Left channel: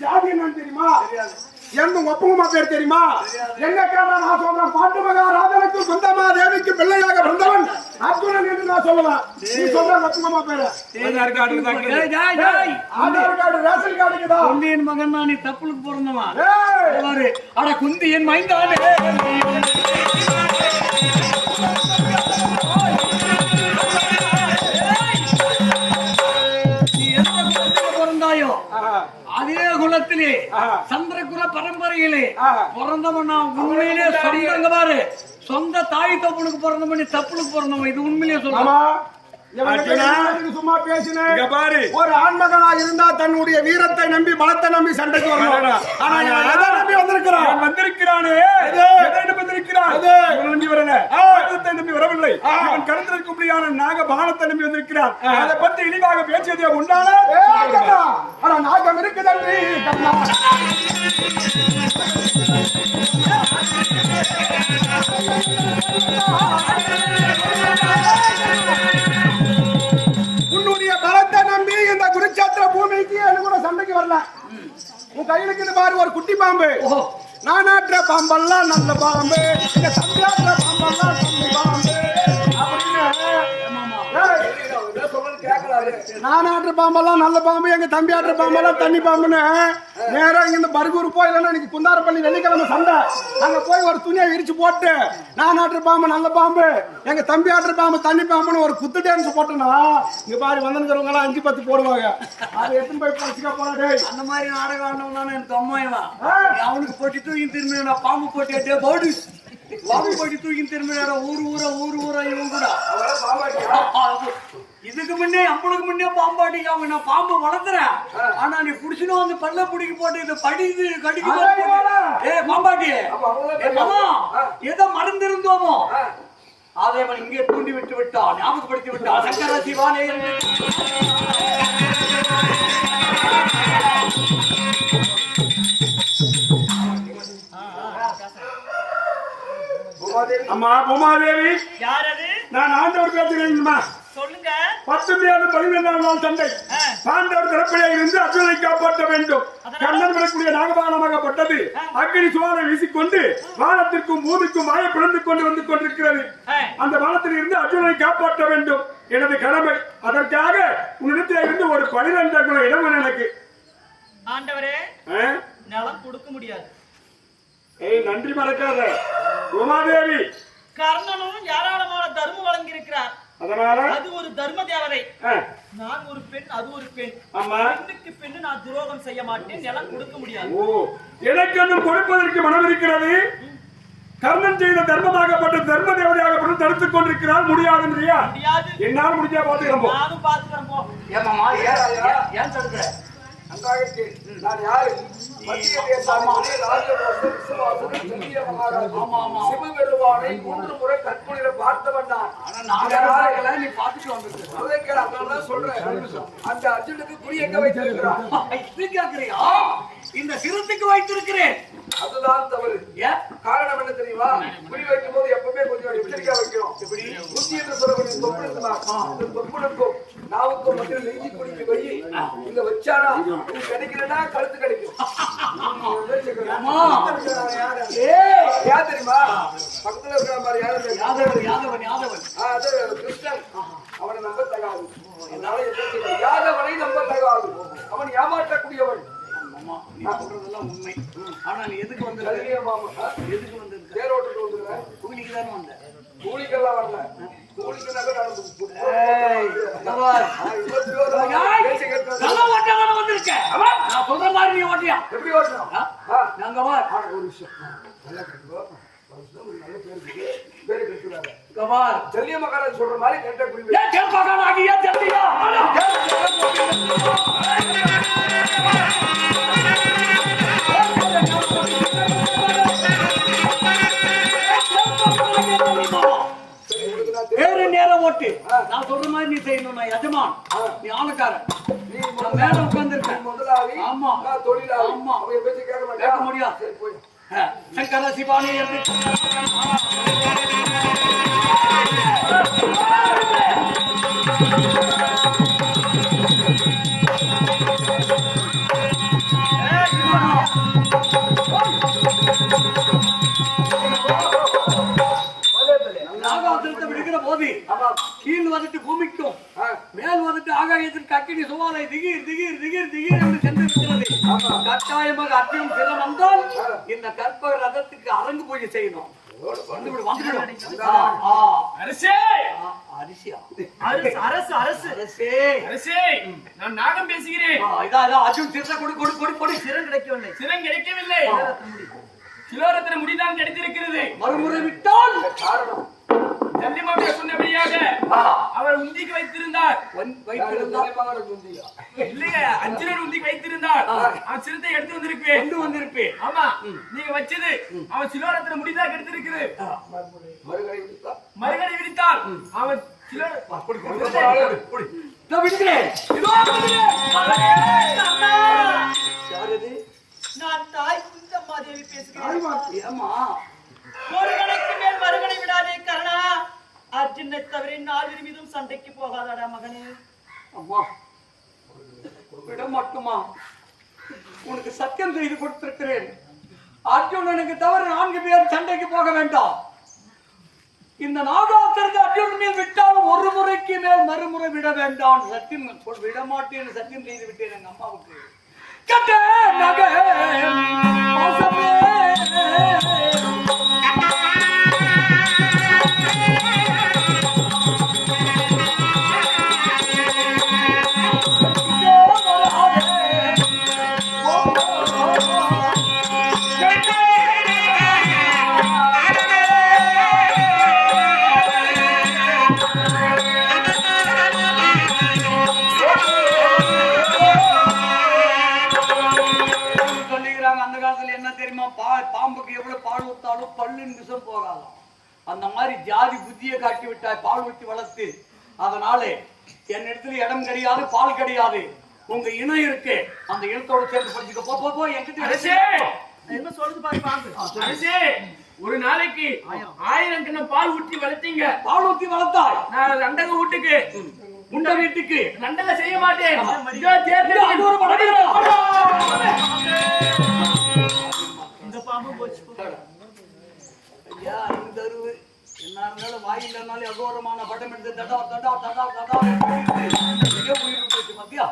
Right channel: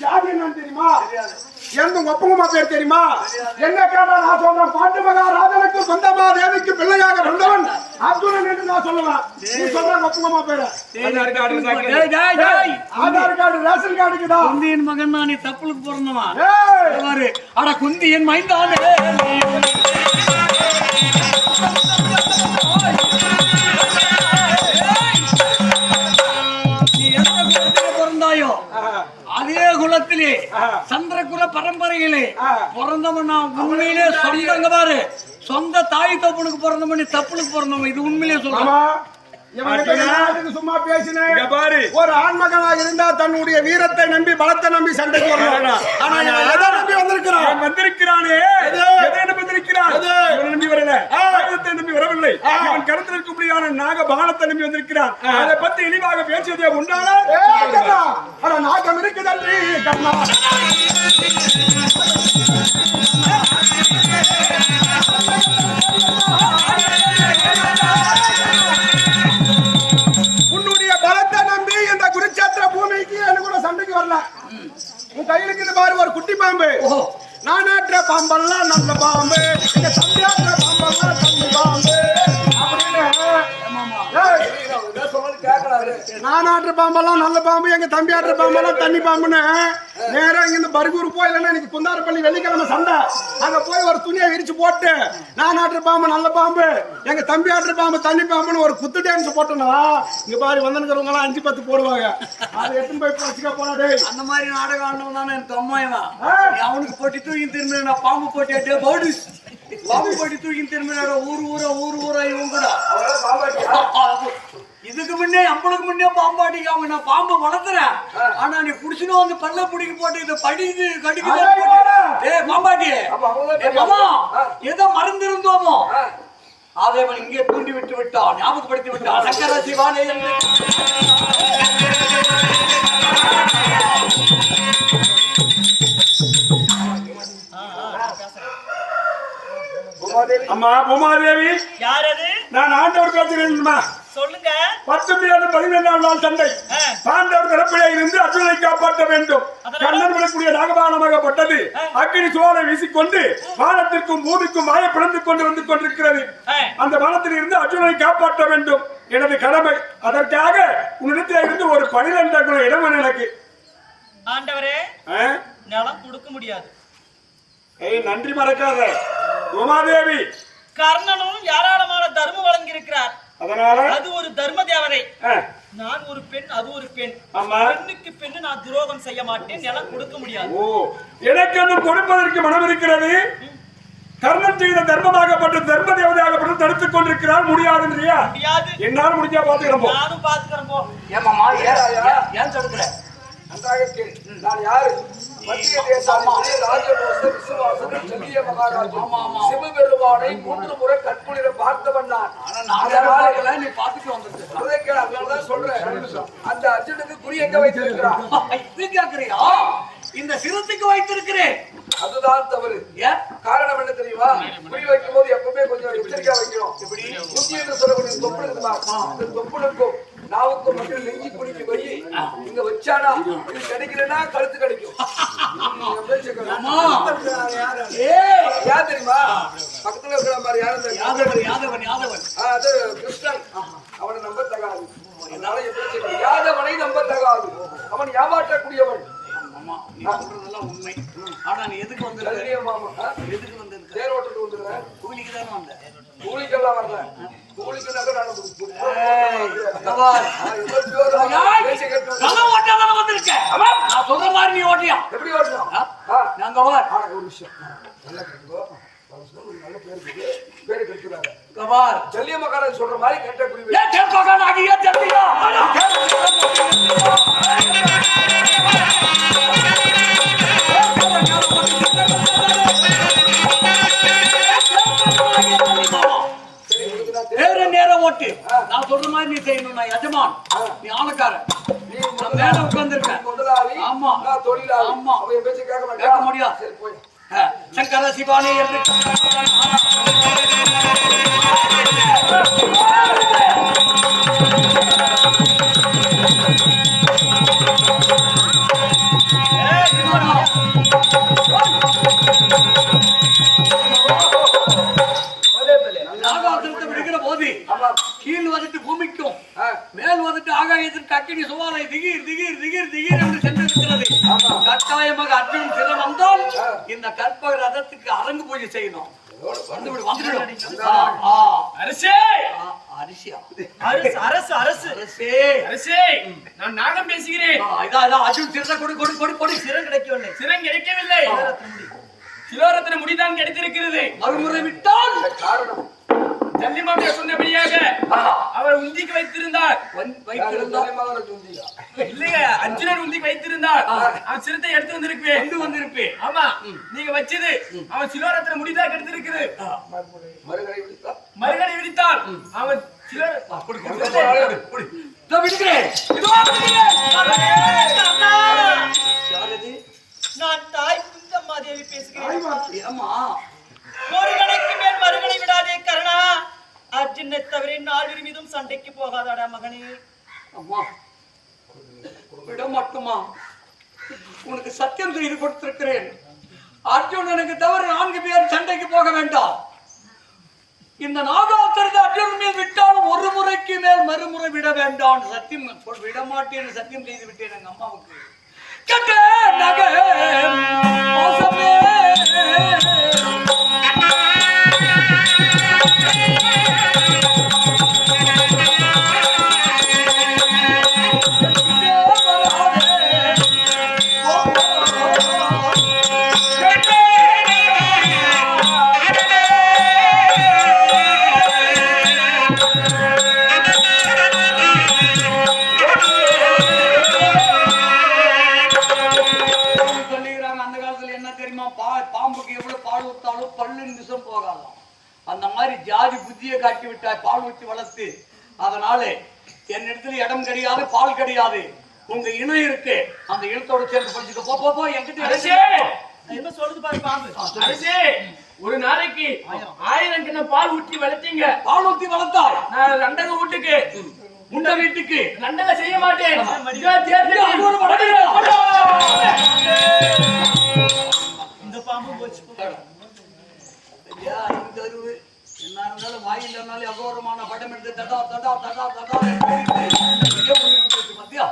ஜாதி என்னன்னு தெரியுமா? எந்த ஒப்பங்கம்மா பேர் தெரியுமா? என்ன கேட்டா நான் சொல்றேன், பாண்டு மகாராஜனுக்கு சொந்தமா தேவிக்கு பிள்ளையாக வந்தவன் அர்ஜுனன் என்று நான் சொல்லுவேன். நீ சொல்ற ஒப்பங்கம்மா பேரு ஆதார் கார்டு ரேஷன் கார்டுக்குதா? குந்தியின் மகன் நீ தப்புளுக்கு பிறந்தவா? அட குந்தியின் மைந்தானே பிறந்தாயோ அதே குலத்திலே சந்திரகுல பரம்பரையிலே பிறந்தவன் உண்மையிலே சொந்தங்க பாரு, சொந்த தாய் தப்புனுக்கு பிறந்தவன் தப்புனுக்கு பிறந்தவன். இது உண்மையிலே சொல்றான். சும்மா பேசின ஒரு ஆண்மகனா இருந்தா தன்னுடைய வீரத்தை நம்பி பலத்தை நம்பி சண்டைக்கு வரலாம். ஆனா எதை நம்பி வந்திருக்கிறான்? வந்திருக்கிறானே நம்பி வரல, ஆயுதத்தை நம்பி வரவில்லை. அவன் கடத்தில் இருக்கக்கூடியான நாக பானத்தை நம்பி வந்திருக்கிறான். அதை பத்தி இழிவாக பேசியதே உண்டான நாகம் இருக்குதன்றி கண்ணா. உன்னுடைய பலத்தை நம்பி இந்த குருச்சேத்திர பூமிக்கு என்ன கூட சண்டைக்கு வரல. உன் கையிலுக்கு பாரு ஒரு குட்டி பாம்பு. நானாற்ற பாம்பெல்லாம் நல்ல பாம்பு, இந்த தம்பியாற்ற பாம்பெல்லாம் தம்பி பாம்பு அப்படின்னு நானாற்ற பாம்பெல்லாம் நல்ல பாம்பு, எங்க தம்பி ஆற்ற பாம்பெல்லாம் தண்ணி பாம்புன்னு நேரம் இங்கிருந்து பர்கூர் போய் இல்லைன்னா இன்னைக்கு குந்தாரப்பள்ளி வெள்ளிக்கிழமை சண்டை அங்க போய் ஒரு துணியை விரிச்சு போட்டு நானாற்ற பாம்பு நல்ல பாம்பு, எங்க தம்பி ஆற்ற பாம்பு தண்ணி பாம்புன்னு ஒரு குத்து டான்ஸ் போட்டோம்னா இங்க பாரு வந்தனுக்கிறவங்க எல்லாம் 5-10 போடுவாங்க. அதை எடுத்துன்னு போய் வச்சுக்க போறாடே. அந்த மாதிரி நாடகம் ஆடணும்னா எனக்கு அம்மாயவன் அவனுக்கு போட்டி தூக்கி திரும்பி நான் பாம்பு போட்டியாட்டே போடு பாம்பு போட்டி தூக்கி திரும்பி ஊர் ஊரா இவங்க கூட இதுக்கு முன்னே அம்பளுக்கு முன்னே பாம்பாட்டி அவங்க நான் பாம்பை வளர்த்துறேன். ஆனா நீ புடிச்சுன்னு வந்து பல்ல பிடிக்க போட்டு இதை படிக்குது கடிக்குது. ஏ பாம்பாட்டி மாமா ஏதோ மறந்து இருந்தோமோ அதை அவன் இங்கே தூண்டி விட்டு விட்டான், ஞாபகப்படுத்தி விட்டான். சங்கர சிவானே அம்மா பூமாதேவி யாரது? நான் ஆண்டவர் பேசுறேன்மா. சொல்லுங்க. 17 நாள் சண்டை பாண்டவர் தரப்பிலே இருந்து அர்ஜுனனை காப்பாற்ற வேண்டும். கண்ணன் விடக்கூடிய நாகபானமாகப்பட்டது அக்னி சுவாலை வீசிக்கொண்டு வானத்திற்கும் பூமிக்கும் மாய பிளந்து கொண்டு வந்து கொண்டிருக்கிறது. அந்த வானத்தில் இருந்து அர்ஜுனனை காப்பாற்ற வேண்டும் எனது கடமை. அதற்காக உன்னிடத்தில் இருந்து ஒரு 12 அங்குல இடம் எனக்கு. ஆண்டவரே நிலம் கொடுக்க முடியாது. நன்றி மறக்காத உமாதேவி. கர்ணனும் ஏராளமான தர்மம் வழங்கி இருக்கிறார். அதனால அது ஒரு தர்ம தேவதை. நான் ஒரு பெண், அது ஒரு பெண். பெண்ணுக்கு பெண்ணு நான் துரோகம் செய்ய மாட்டேன். நிலம் கொடுக்க முடியாது. ஓ எனக்கு ஒன்றும் கொடுப்பதற்கு மனம் இருக்கிறது. கர்ணன் செய்த தர்மமாகப்பட்ட தர்ம தேவதையாகப்பட்டு தடுத்துக் கொண்டிருக்கிறார். முடியாதுன்றியா? முடியாது. என்னால் முடிஞ்சா பாத்துக்கிறோம். நானும் பாத்துக்கிறேன் போ. ஏன் தடுக்கிற? நான் யாரு? மத்திய தேசத்திலே ராஜபோச விசுவாசன் செல்லிய மகாராஜா சிவபெருமானை 3 முறை கற்புனிர பார்த்தவன் நான். நீ பார்த்துட்டு வந்திருக்க. அதனாலதான் சொல்றேன். அந்த அர்ஜுனுக்கு குறி எங்க வைத்திருக்கிறான்? இது கேட்கறியா? இந்த சிறுத்தைக்கு வைத்திருக்கிறேன். அதுதான் தவறு. காரணம் என்ன தெரியுமா? குறி வைக்கும் போது எப்பவுமே கொஞ்சம் எச்சரிக்கையா வைக்கணும். எப்படி புத்தி என்று சொல்லக்கூடிய தொப்பு இருக்குமா? இந்த தொப்புளுக்கும் நாவுக்கும் மட்டும் நெஞ்சு குடிக்க வை. இங்க வச்சானா இது கிடைக்கலன்னா கழுத்து கிடைக்கும். யார் தெரியுமா? பக்கத்துல இருக்கிற மாதிரி யாரும் அது கிருஷ்ணன். அவனை நம்ப தகாது. அதனால யாதவனை நம்ப தகாது. அவன் ஏமாற்றக்கூடியவன். உண்மை. ஆனா நீ எதுக்கு வந்து எதுக்கு வந்து தேரோட்டு வந்துருக்க? கூலிக்கு தானே வந்த? கூலிக்கெல்லாம் வரல. கூலிக்குனாக்க நான் சொல்ற மாதிரி நீ ஓட்டியா? எப்படி ஓட்டலாம்? நாங்க ஒரு விஷயம் நல்லா கேட்டுக்கோ. நல்ல பேரு கெடுத்துறாரு. ஜல்லிய மகாராஜ் சொல்ற மாதிரி கேட்ட புரியுது. வேற நேரம் ஓட்டு. நான் சொல்ற மாதிரி நீ செய்யணும். நான் எஜமான், நீ ஆனக்காரன். நீ மேல உட்கார்ந்திருக்க. ஆமா தொழிலாளி. ஆமா பேச்சு கேட்க கேட்க முடியாது. சரி போய் சங்கர சிவானி என்று அனைத்து பூமிக்கும் மேல் வந்துட்டு ஆகாயத்திற்கு அக்கினி சுவாலை திகீர் திகீர் திகீர் திகீர் என்று சென்றிருக்கிறது. கட்டாயமாக அர்ஜுனன் சிரம் வந்தால் இந்த கற்பக ரதத்துக்கு அரங்கு பூஜை செய்யணும். அரசே அரிசியா அரசு அரசு அரசே அரசே நான் நாகம் பேசுகிறேன். இதான் அர்ஜுன் சிரத்தை கொடு கொடு கொடு கொடு. சிரம் கிடைக்கவில்லை. சிரம் கிடைக்கவில்லை. சிலோரத்தின முடிதான் கிடைத்திருக்கிறது. மறுமுறை விட்டால் காரணம் ஜல்லிமாமையா சொன்னபடியாக அவர் உந்திக்கு வைத்திருந்தார். இல்லையா அர்ஜுனன் உந்திக்கு வைத்திருந்தார். அவன் சிரத்தை எடுத்து வந்திருப்பேன். ஆமா நீங்க வச்சது அவன் சிலோரத்தின முடிதான் கிடைத்திருக்கிறது. மறுகடை விரித்தார். அவன் நான் தாய் குந்தம்மாதேவி பேசுகிறேன். ஏமா ஒரு கணைக்கு மேல் மறுகணை விடாதே கர்ணா. அர்ஜுனை தவிர நால்வர் மீதும் சண்டைக்கு போகாதாடா மகனே. அம்மா விட மட்டுமா உனக்கு சத்தியம் செய்து கொடுத்திருக்கிறேன். அர்ஜுனனுக்கு தவிர 4 பேர் சண்டைக்கு போக வேண்டாம். இந்த நாகாத்திரத்தை அர்ஜுனன் மேல் விட்டாலும் ஒரு முறைக்கு மேல் மறுமுறை விட வேண்டாம். சத்தியம் விட மாட்டேன் சத்தியம் செய்து விட்டேன் எங்க அம்மாவுக்கு. கட்ட நக பாசமே பாம்புக்கு எவ்வளவு பால் ஊத்தாலும் பல்லின் விஷம் போகாதாம். அந்த மாதிரி ஜாதி புத்தியை காட்டி விட்டாய். பால் ஊற்றி வளர்த்து அதனால என்னிடத்துல இடம் கிடையாது பால் கிடையாது. உங்க இனம் இருக்கு அந்த இனத்தோடு சேர்ந்து படிச்சுக்க. போ போ என்கிட்ட என்ன சொல்றது பாரு பாம்பு. அரசே ஒரு நாளைக்கு 1000 கிண்ணம் பால் ஊற்றி வளர்த்தீங்க. பால் ஊற்றி வளர்த்தாய். நான் ரெண்டக வீட்டுக்கு உண்ட வீட்டுக்கு நண்டல செய்ய மாட்டேன். இந்த பாம்பு போச்சு. ஐயா இந்த அருவு என்ன இருந்தாலும் வாய் இல்லைனாலும் அகோரமான படம் எடுத்து தடா தடா தடா தடா மத்தியா.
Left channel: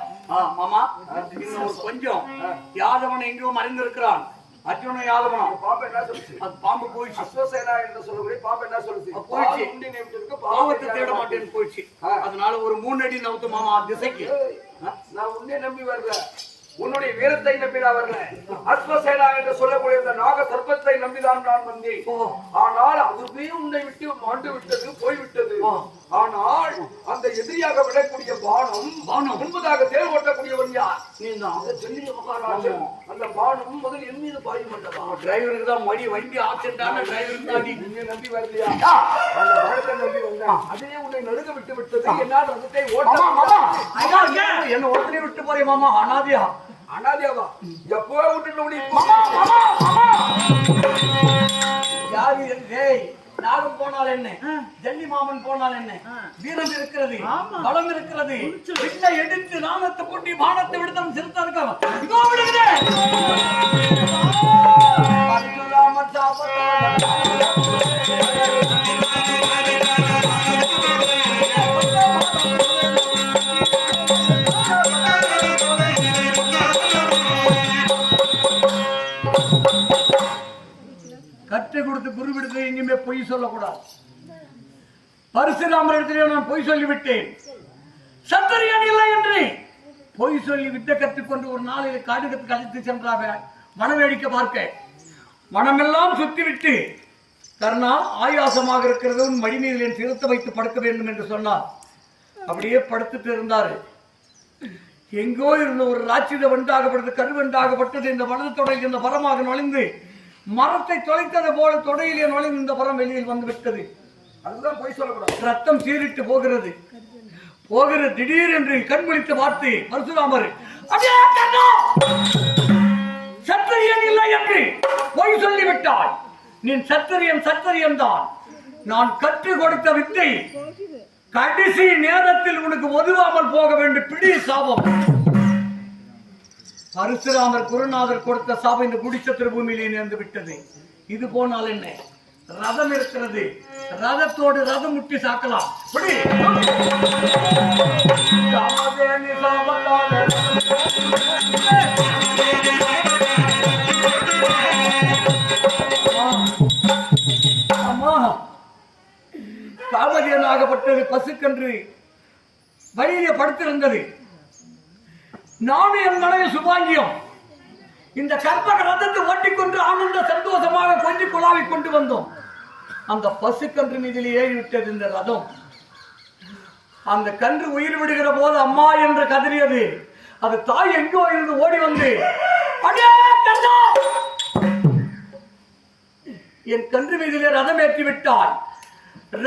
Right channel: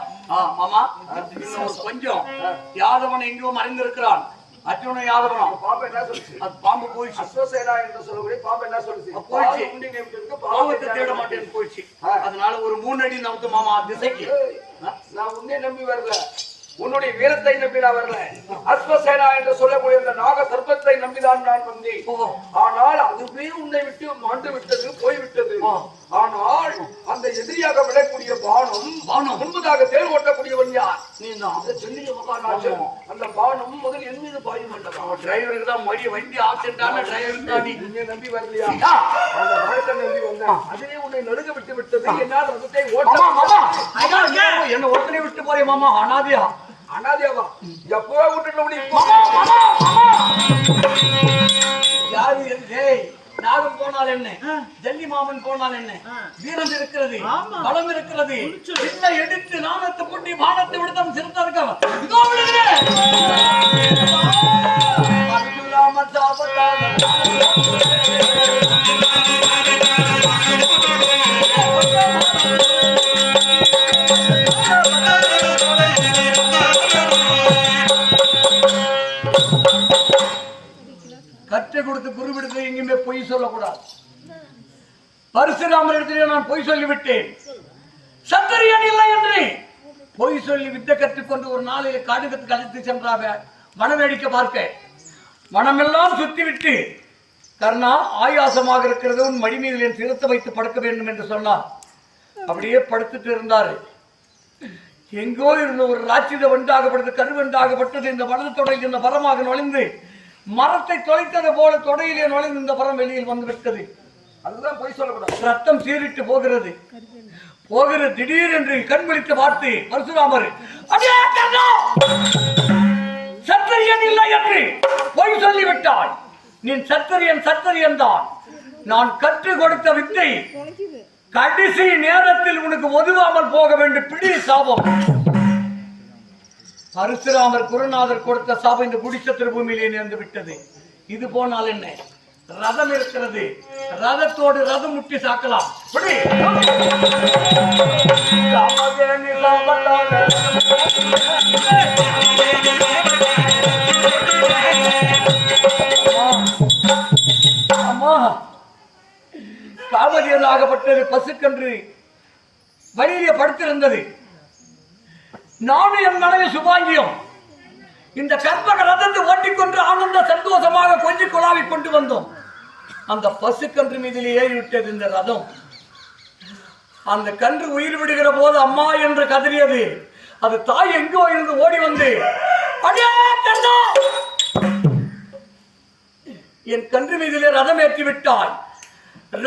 மாமா இன்னும் ஒரு கொஞ்சம் யாதவன் எங்கேயோ மறைந்திருக்கிறான். அர்ஜுன யாதவனம் பாம்பு என்ன சொல்லுச்சு? அது பாம்பு போயிடுச்சு. அஸ்வசேனா என்று சொல்லக்கூடிய பாம்பு என்ன சொல்லுச்சு? போயிடுச்சு. பாவத்தை தேட மாட்டேன்னு போயிடுச்சு. அதனால ஒரு 3 அடி நவுத்து மாமா திசைக்கு. நான் உன்னை நம்பி வரல, உன்னுடைய வீரத்தை நம்பி நான் வரல. அஸ்வசேனா என்று சொல்லக்கூடிய இந்த நாக சர்ப்பத்தை நம்பிதான் நான் வந்தேன். ஆனால் அதுவே உன்னை விட்டு மாண்டு விட்டது, போய்விட்டது. ஆனால் அந்த எதிரியாக விடக்கூடிய பானம் முன்பதாக தேர் ஓட்டக்கூடியவன் யார்? நீ அந்த சொல்லிய மகாராஜன். அந்த பானம் முதல் என் மீது பாயும் அல்லவா? டிரைவருக்கு தான் வண்டி ஆக்சிடென்டான டிரைவருக்கு தான். உன்னை நம்பி வரலையா? அந்த பானத்தை நம்பி வந்தேன். அதுவே உன்னை நடுங்க விட்டு விட்டது. என்னால் ரதத்தை ஓட்ட என்ன ஒருத்தனை விட்டு போறேன் மாமா. அனாதியா அனாதியாவா? எப்போ விட்டுட்டு யாரு நாகம் போனால் என்ன, ஜல்லி மாமன் போனால் என்ன, வீரம் இருக்கிறது, பலம் இருக்கிறது. இல்லை எடுத்து நாணத்தை போட்டி பானத்தை விடுத்தம் சிறுத்தா இருக்காம இதோ கற்றுக் கொடுத்து குருவிடத்தில் எங்கேயுமே பொய் சொல்லக்கூடாது. பரசுராமர் இடத்திலே நான் பொய் சொல்லிவிட்டேன். சத்திரியன் இல்லை என்று பொய் சொல்லி வித்தை கற்றுக்கொண்டு ஒரு நாளில் காடுகத்துக்கு அழைத்து சென்றாக வனவேடிக்கை பார்க்க. வனமெல்லாம் சுத்திவிட்டு கர்ணா ஆயாசமாக இருக்கிறது, உன் மடி மீது என் சிரத்தை வைத்து படுக்க வேண்டும் என்று சொன்னார். அப்படியே படுத்துட்டு இருந்தாரு. எங்கோ இருந்த ஒரு ராட்சித வண்டாகப்பட்டது, கருவண்டாகப்பட்டது இந்த வலது தொடையில் இந்த பரமாக நுழைந்து மரத்தை தொலைத்தது போல தொடையிலே நுழைந்து இந்த பரம் வெளியில் வந்து விட்டது. அதுதான் பொய் சொல்லக்கூடாது. ரத்தம் சீரிட்டு போகிறது. திடீர் என்று கண்விழித்து பார்த்து பரசுராமர் சத்திரியன் இல்லை என்று பொய் சொல்லிவிட்டாய். நீ சத்திரியன் தான். நான் கற்றுக் கொடுத்த வித்தை கடைசி நேரத்தில் உனக்கு ஒதுவாமல் போக வேண்டும். பிடி சாபம். பரசுராமர் குருநாதர் கொடுத்த சாபம் இந்த குடிச்சத்திர பூமியிலே நேர்ந்து விட்டது. இது போனால் என்ன, ரதம் இருக்கிறது. ரதத்தோடு ரதம் முட்டி சாக்கலாம். இப்படி காமதேனு சாமத்தாலே. அம்மா, காமதேனாகப்பட்டது பசுக்கன்று வழியிலே படுத்திருந்தது. நானும் என் மனைவி சுபாங்கியம் இந்த கற்பக ரதத்தை ஓட்டிக்கொண்டு ஆனந்த சந்தோஷமாக கொஞ்சம் குழாவி கொண்டு வந்தோம். அந்த பசுக்கன்று மீதில் ஏறிவிட்டது இந்த ரதம். அந்த கன்று உயிர் விடுகிற போது அம்மா என்று கதறியது. அது தாய் எங்கோ இருந்து ஓடி வந்து, அடே கண்ணா, என் கன்று மீதிலே ரதம் ஏற்றி விட்டாய்.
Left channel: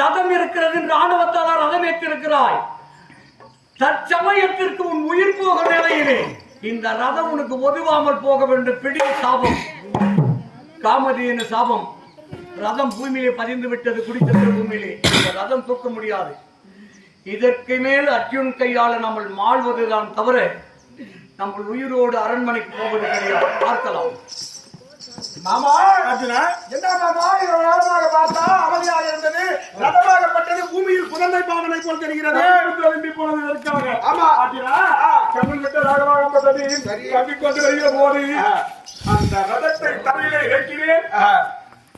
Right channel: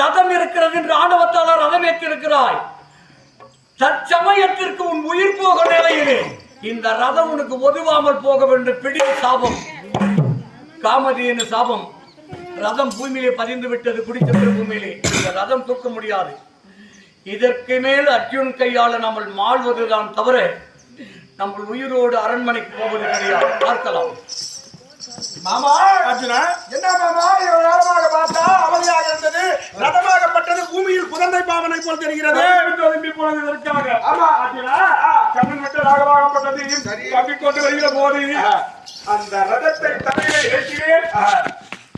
ரதம் இருக்கிறது என்று ஆணவத்தால் ரதம் ஏற்றி இருக்கிறாய். தற்சமயத்திற்கு உன் உயிர் போக நிலையிலே இந்த ரதம் உனக்கு ஒதுவாமல் போக வேண்டும். பிடி சாபம், காமதேனு சாபம். ரதம் பூமியிலே பதிந்து விட்டது. குடிச்சந்திர பூமியிலே இந்த ரதம் தூக்க முடியாது. இதற்கு மேல் அர்ஜுன் கையால நம்ம மாழ்வதுதான் தவிர நம்ம உயிரோடு அரண்மனைக்கு போவது கிடையாது. பார்க்கலாம். மாமா அர்ஜுனா, என்ன மாமா இவ்வளவு நேரமாக பார்த்தா அமைதியாக இருந்தது. ரதமாகப்பட்டது பூமியில் குழந்தை பாவனை போல் தெரிகிறது. ஆமா அர்ஜுனா, கண்ணன் விட்ட ராகமாகப்பட்டது கம்பிக்கொண்டு வருகிற போது அந்த ரதத்தை தலையிலே ஏற்றினேன்.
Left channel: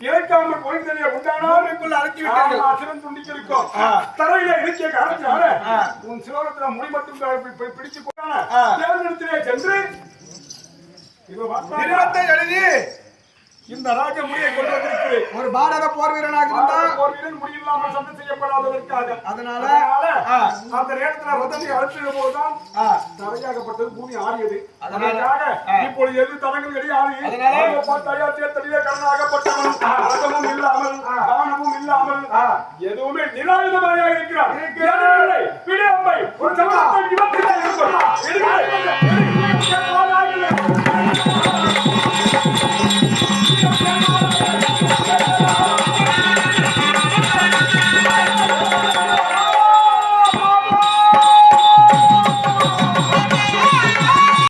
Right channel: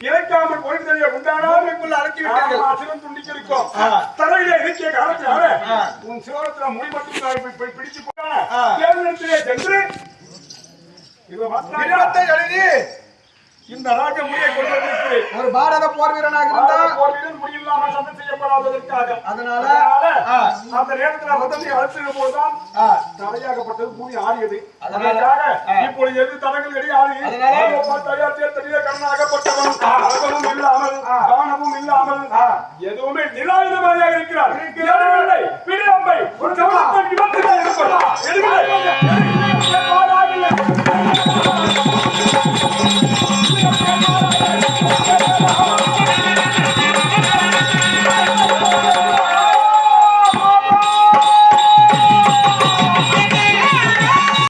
இறைக்காமல் போய்தறிய உண்டானாலுக்குள்ள அழைச்சி விட்டார்கள். சிரம் துண்டிக்கு இருக்கும். தலையில இருக்கிய காரணத்தினால உன் சிரோரத்துல முடி மட்டும் பிடிச்சு போட்டான சென்று எழுதி இந்த ராஜ முடியை கொண்டு வந்திருக்கிறேன். ஒரு பாரத போர் வீரனாக இருந்தா போர் வீரன் முடியில்லாமல் சண்டை செய்யப்படாததற்காக. அதனால அந்த நேரத்தில் ரதத்தை அழுத்தின போதுதான் தரையாகப்பட்டது பூமி ஆடியது. அதற்காக இப்பொழுது எது தடங்கள் கிடையாது. தயார் சேர்த்தடியே கண்ணாகப்பட்டவன் ரதமும் இல்லாமல் காணமும் இல்லாமல் எதுவுமே நிராயுதமாக இருக்கிறார். விடம்பை ஒரு சமத்தை விமர்சிக்க